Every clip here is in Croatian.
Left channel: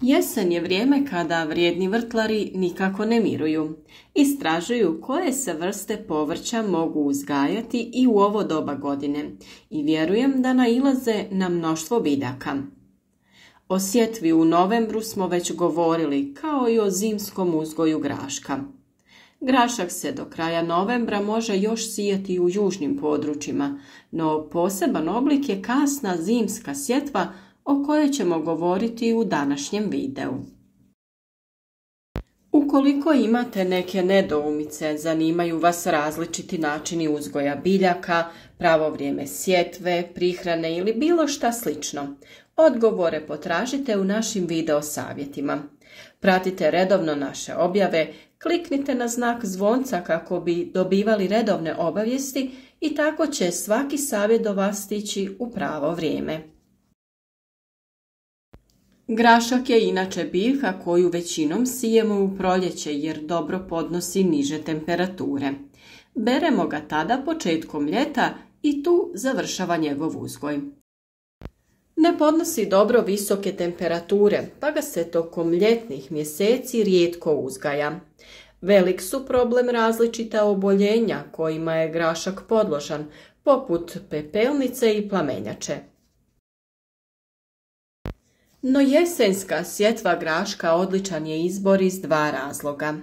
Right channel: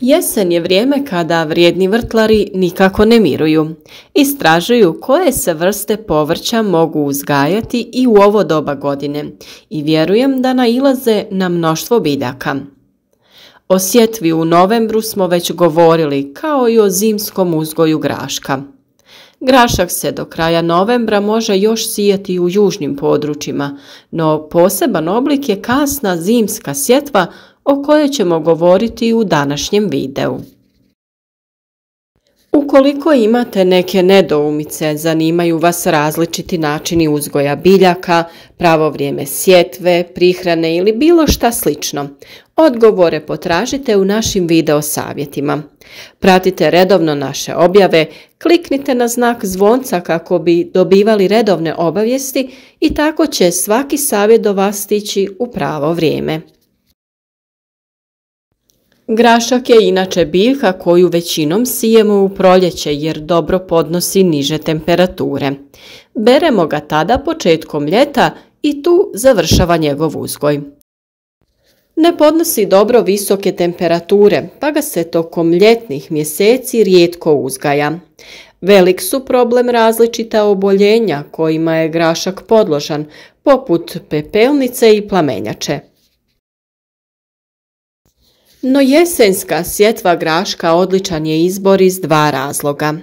Jesen je vrijeme kada vrijedni vrtlari nikako ne miruju. Istražuju koje se vrste povrća mogu uzgajati i u ovo doba godine i vjerujem da nailaze na mnoštvo biljaka. O sjetvi u novembru smo već govorili, kao i o zimskom uzgoju graška. Grašak se do kraja novembra može još sijati u južnim područjima, no poseban oblik je kasna zimska sjetva o kojoj ćemo govoriti u današnjem videu. Ukoliko imate neke nedoumice, zanimaju vas različiti načini uzgoja biljaka, pravo vrijeme sjetve, prihrane ili bilo šta slično, odgovore potražite u našim video savjetima. Pratite redovno naše objave, kliknite na znak zvonca kako bi dobivali redovne obavijesti i tako će svaki savjet do vas stići u pravo vrijeme. Grašak je inače biljka koju većinom sijemo u proljeće jer dobro podnosi niže temperature. Beremo ga tada početkom ljeta i tu završava njegov uzgoj. Ne podnosi dobro visoke temperature, pa ga se tokom ljetnih mjeseci rijetko uzgaja. Velik su problem različita oboljenja kojima je grašak podložan, poput pepelnice i plamenjače. No jesenska sjetva graška odličan je izbor iz dva razloga.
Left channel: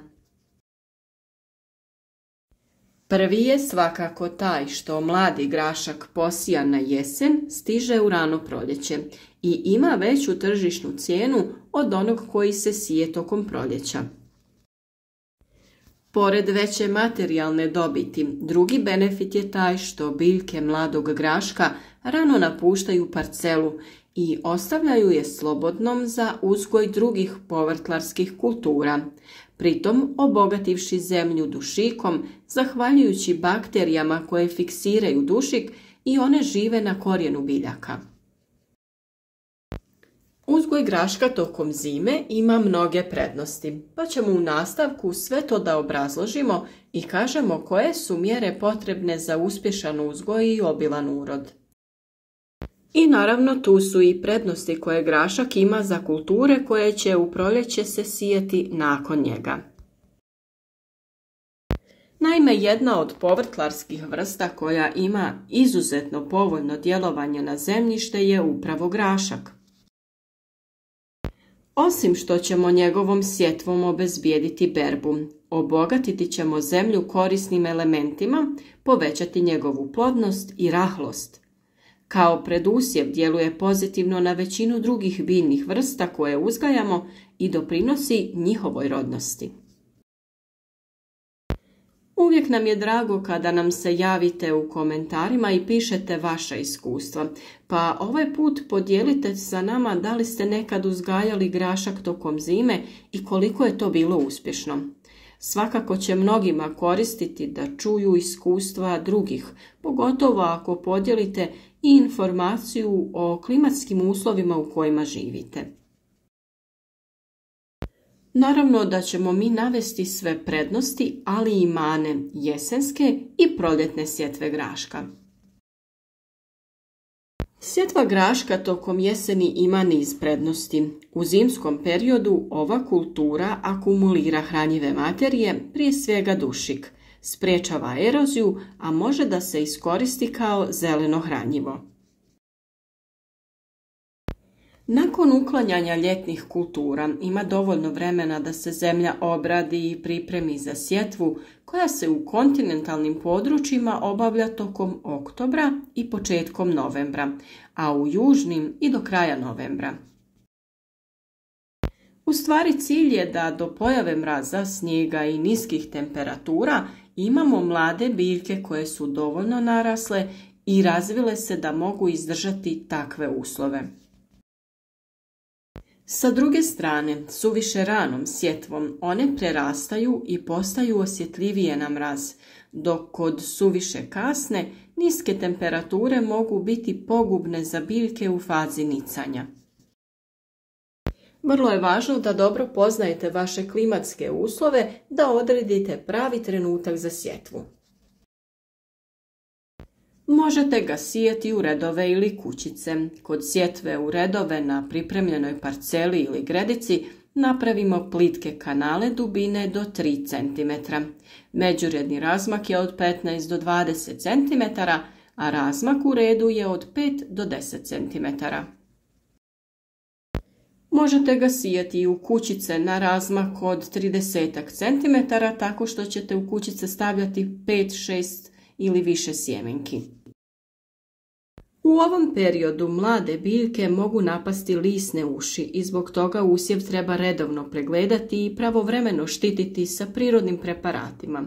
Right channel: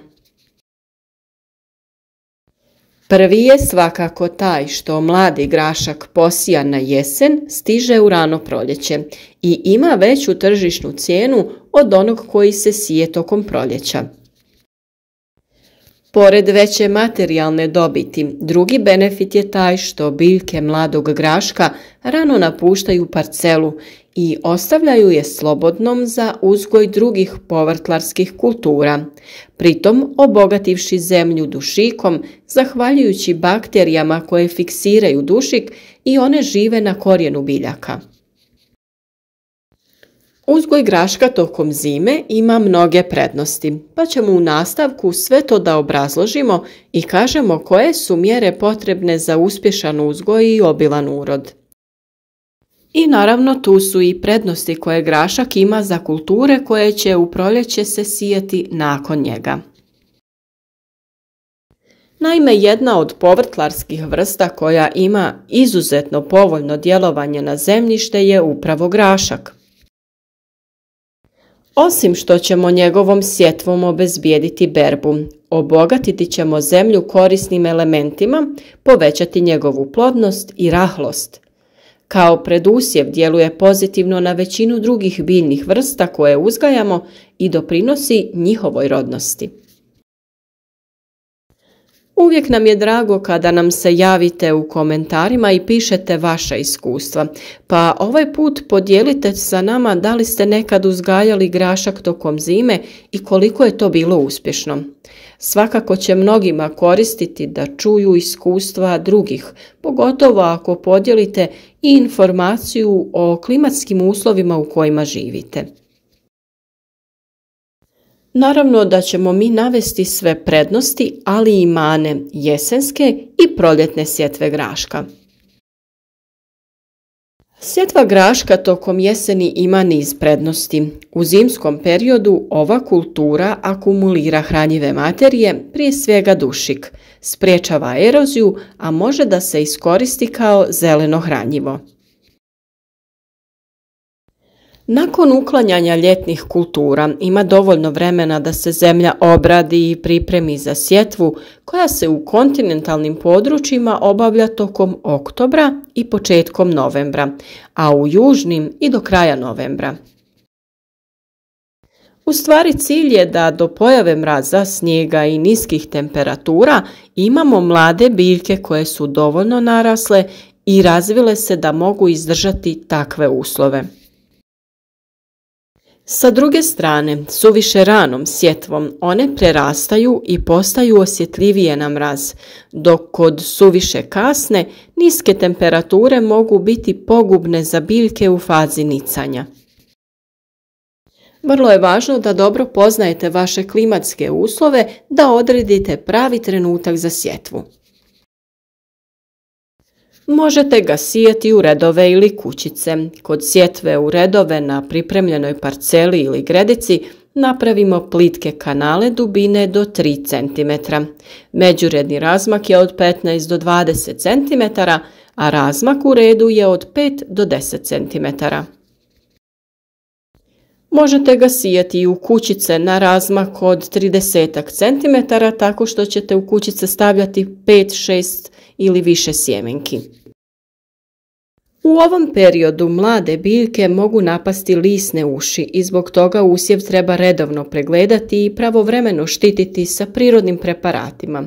Prvi je svakako taj što mladi grašak posijan na jesen stiže u rano proljeće i ima veću tržišnu cijenu od onog koji se sije tokom proljeća. Pored veće materijalne dobiti, drugi benefit je taj što biljke mladog graška rano napuštaju parcelu i ostavljaju je slobodnom za uzgoj drugih povrtlarskih kultura, pritom obogativši zemlju dušikom zahvaljujući bakterijama koje fiksiraju dušik i one žive na korijenu biljaka. Uzgoj graška tokom zime ima mnoge prednosti, pa ćemo u nastavku sve to da obrazložimo i kažemo koje su mjere potrebne za uspješan uzgoj i obilan urod. I naravno tu su i prednosti koje grašak ima za kulture koje će u proljeće se sijati nakon njega. Naime, jedna od povrtlarskih vrsta koja ima izuzetno povoljno djelovanje na zemljište je upravo grašak. Osim što ćemo njegovom sjetvom obezbijediti berbu, obogatiti ćemo zemlju korisnim elementima, povećati njegovu plodnost i rahlost. Kao predusjev djeluje pozitivno na većinu drugih biljnih vrsta koje uzgajamo i doprinosi njihovoj rodnosti. Uvijek nam je drago kada nam se javite u komentarima i pišete vaša iskustva, pa ovaj put podijelite sa nama da li ste nekad uzgajali grašak tokom zime i koliko je to bilo uspješno. Svakako će mnogima koristiti da čuju iskustva drugih, pogotovo ako podijelite i informaciju o klimatskim uslovima u kojima živite. Naravno da ćemo mi navesti sve prednosti, ali i mane jesenske i proljetne sjetve graška. Sjetva graška tokom jeseni ima niz prednosti. U zimskom periodu ova kultura akumulira hranjive materije, prije svega dušik, sprječava eroziju, a može da se iskoristi kao zeleno hranjivo. Nakon uklanjanja ljetnih kultura ima dovoljno vremena da se zemlja obradi i pripremi za sjetvu koja se u kontinentalnim područjima obavlja tokom oktobra i početkom novembra, a u južnim i do kraja novembra. U stvari cilj je da do pojave mraza, snijega i niskih temperatura imamo mlade biljke koje su dovoljno narasle i razvile se da mogu izdržati takve uslove. Sa druge strane, suviše ranom sjetvom one prerastaju i postaju osjetljivije na mraz, dok kod suviše kasne niske temperature mogu biti pogubne za biljke u fazi nicanja. Vrlo je važno da dobro poznajete vaše klimatske uslove da odredite pravi trenutak za sjetvu. Možete ga sijati u redove ili kućice. Kod sjetve u redove na pripremljenoj parceli ili gredici napravimo plitke kanale dubine do 3 cm. Međuredni razmak je od 15 do 20 cm, a razmak u redu je od 5 do 10 cm. Možete ga sijati i u kućice na razmak od 30 cm tako što ćete u kućice stavljati 5, 6 ili više sjemenki. U ovom periodu mlade biljke mogu napasti lisne uši i zbog toga usjev treba redovno pregledati i pravovremeno štititi sa prirodnim preparatima.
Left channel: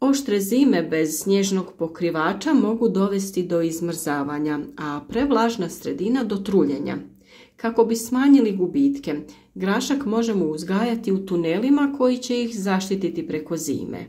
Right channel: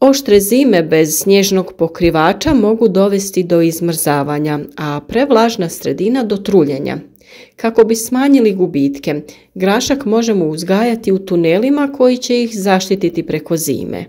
Oštre zime bez snježnog pokrivača mogu dovesti do izmrzavanja, a prevlažna sredina do truljenja. Kako bi smanjili gubitke, grašak možemo uzgajati u tunelima koji će ih zaštititi preko zime.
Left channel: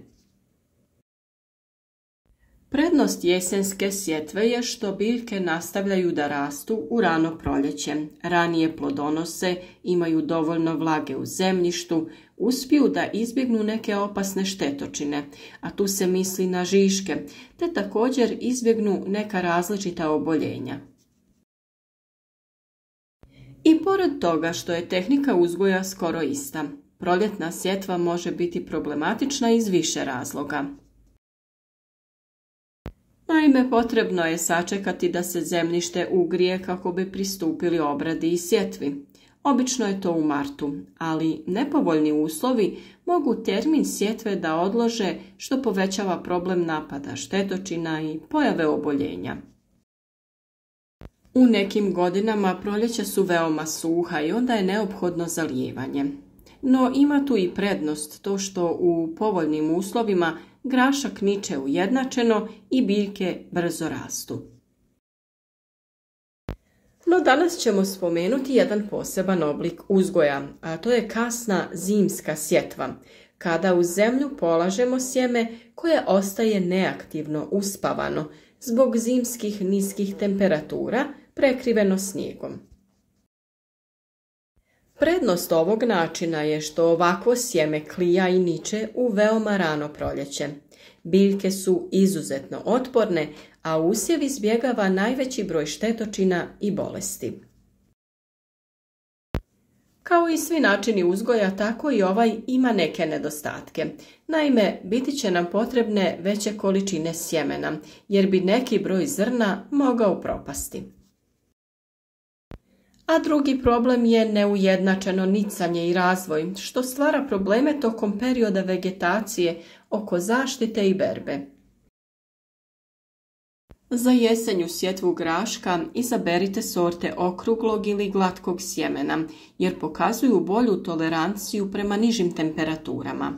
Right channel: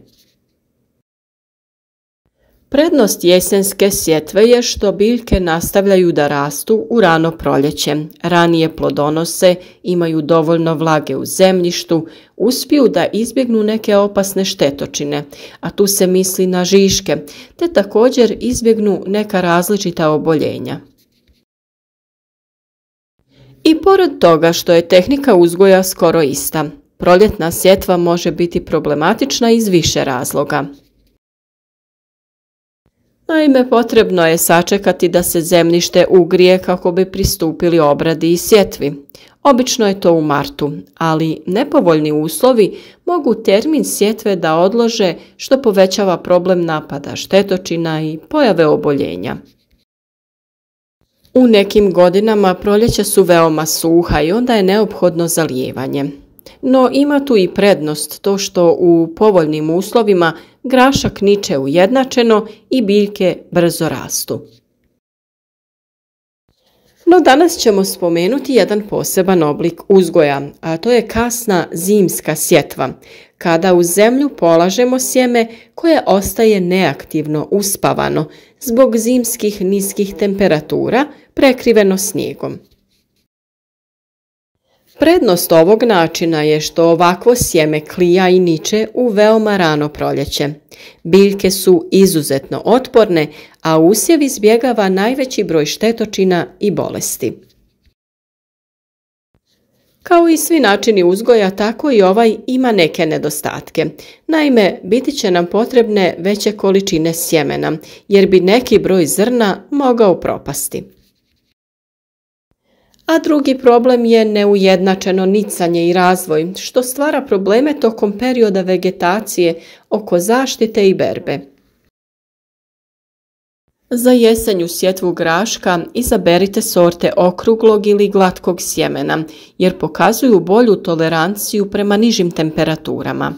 Prednost jesenske sjetve je što biljke nastavljaju da rastu u rano proljeće, ranije plodonose, imaju dovoljno vlage u zemljištu, uspiju da izbjegnu neke opasne štetočine, a tu se misli na žiške, te također izbjegnu neka različita oboljenja. I pored toga što je tehnika uzgoja skoro ista, proljetna sjetva može biti problematična iz više razloga. Naime, potrebno je sačekati da se zemljište ugrije kako bi pristupili obradi i sjetvi. Obično je to u martu, ali nepovoljni uslovi mogu termin sjetve da odlože, što povećava problem napada štetočina i pojave oboljenja. U nekim godinama proljeća su veoma suha i onda je neophodno zalijevanje. No ima tu i prednost to što u povoljnim uslovima grašak niče ujednačeno i biljke brzo rastu. No danas ćemo spomenuti jedan poseban oblik uzgoja, a to je kasna zimska sjetva, kada u zemlju polažemo sjeme koje ostaje neaktivno uspavano zbog zimskih niskih temperatura prekriveno snijegom. Prednost ovog načina je što ovakvo sjeme klija i niče u veoma rano proljeće. Biljke su izuzetno otporne, a usjev izbjegava najveći broj štetočina i bolesti. Kao i svi načini uzgoja, tako i ovaj ima neke nedostatke. Naime, biti će nam potrebne veće količine sjemena, jer bi neki broj zrna mogao propasti. A drugi problem je neujednačeno nicanje i razvoj, što stvara probleme tokom perioda vegetacije oko zaštite i berbe. Za jesenju sjetvu graška izaberite sorte okruglog ili glatkog sjemena, jer pokazuju bolju toleranciju prema nižim temperaturama.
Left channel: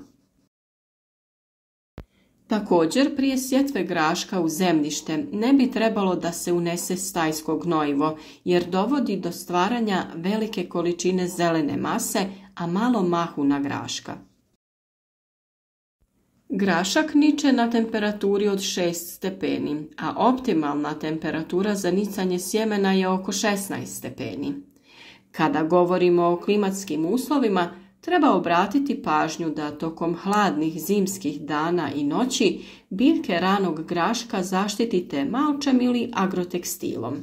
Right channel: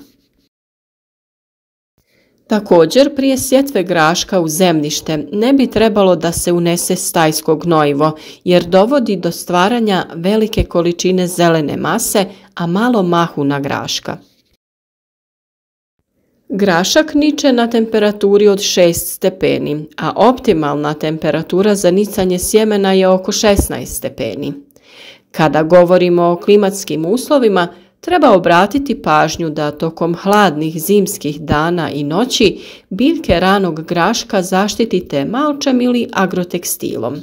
Također, prije sjetve graška u zemljište ne bi trebalo da se unese stajsko gnojivo, jer dovodi do stvaranja velike količine zelene mase, a malo mahuna graška. Grašak niče na temperaturi od 6 stepeni, a optimalna temperatura za nicanje sjemena je oko 16 stepeni. Kada govorimo o klimatskim uslovima, treba obratiti pažnju da tokom hladnih zimskih dana i noći biljke ranog graška zaštitite malčem ili agrotekstilom.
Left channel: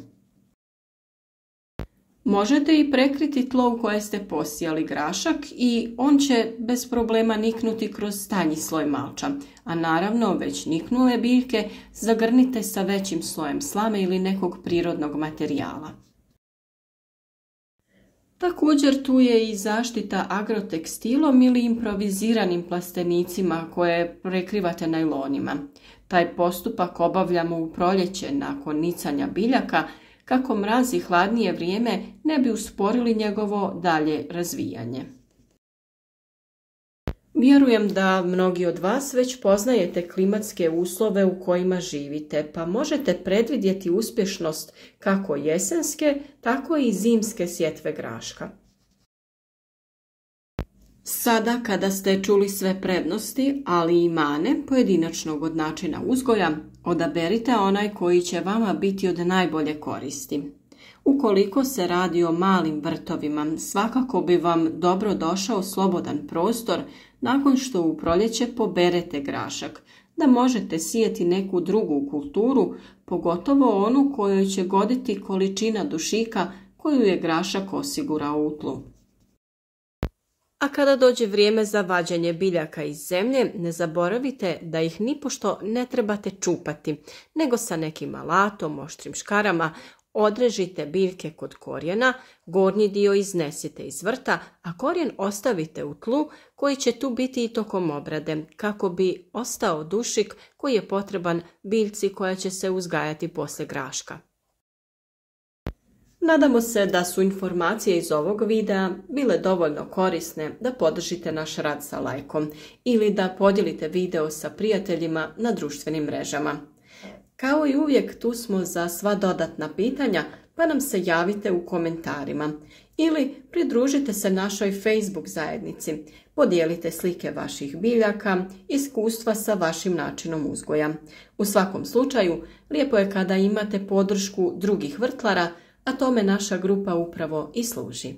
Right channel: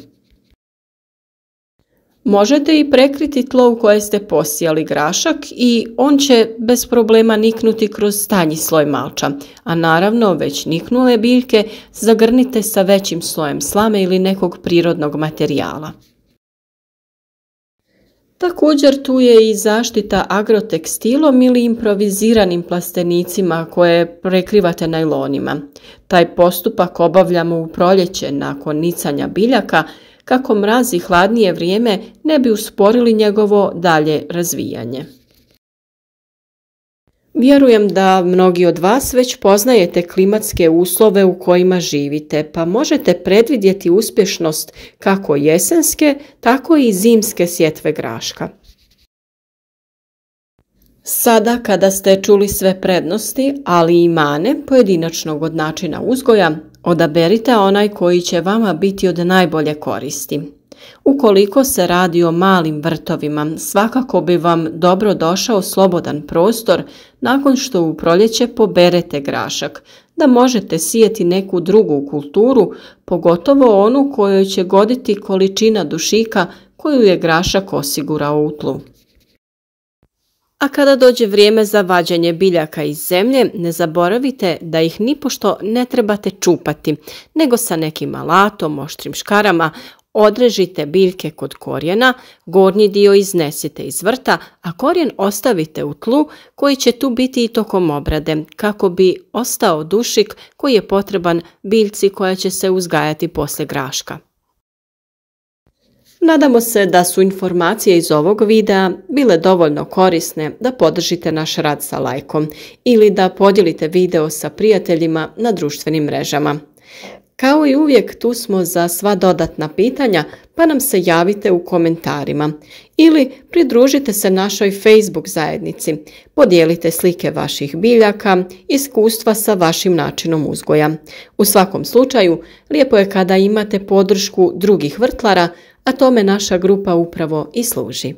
Možete i prekriti tlo u koje ste posijali grašak i on će bez problema niknuti kroz tanji sloj malča, a naravno već niknule biljke zagrnite sa većim slojem slame ili nekog prirodnog materijala. Također tu je i zaštita agrotekstilom ili improviziranim plastenicima koje prekrivate najlonima. Taj postupak obavljamo u proljeće nakon nicanja biljaka kako mraz i hladnije vrijeme ne bi usporili njegovo dalje razvijanje. Vjerujem da mnogi od vas već poznajete klimatske uslove u kojima živite, pa možete predvidjeti uspješnost kako jesenske, tako i zimske sjetve graška. Sada kada ste čuli sve prednosti, ali i mane pojedinačnog od načina uzgoja, odaberite onaj koji će vama biti od najbolje koristi. Ukoliko se radi o malim vrtovima, svakako bi vam dobro došao slobodan prostor nakon što u proljeće poberete grašak, da možete sijeti neku drugu kulturu, pogotovo onu kojoj će goditi količina dušika koju je grašak osigurao u tlu. A kada dođe vrijeme za vađenje biljaka iz zemlje, ne zaboravite da ih nipošto ne trebate čupati, nego sa nekim alatom, oštrim škarama, odrežite biljke kod korijena, gornji dio iznesite iz vrta, a korijen ostavite u tlu koji će tu biti i tokom obrade, kako bi ostao dušik koji je potreban biljci koja će se uzgajati poslije graška. Nadamo se da su informacije iz ovog videa bile dovoljno korisne da podržite naš rad sa lajkom ili da podijelite video sa prijateljima na društvenim mrežama. Kao i uvijek, tu smo za sva dodatna pitanja, pa nam se javite u komentarima ili pridružite se našoj Facebook zajednici. Podijelite slike vaših biljaka, iskustva sa vašim načinom uzgoja. U svakom slučaju, lijepo je kada imate podršku drugih vrtlara, a tome naša grupa upravo i služi.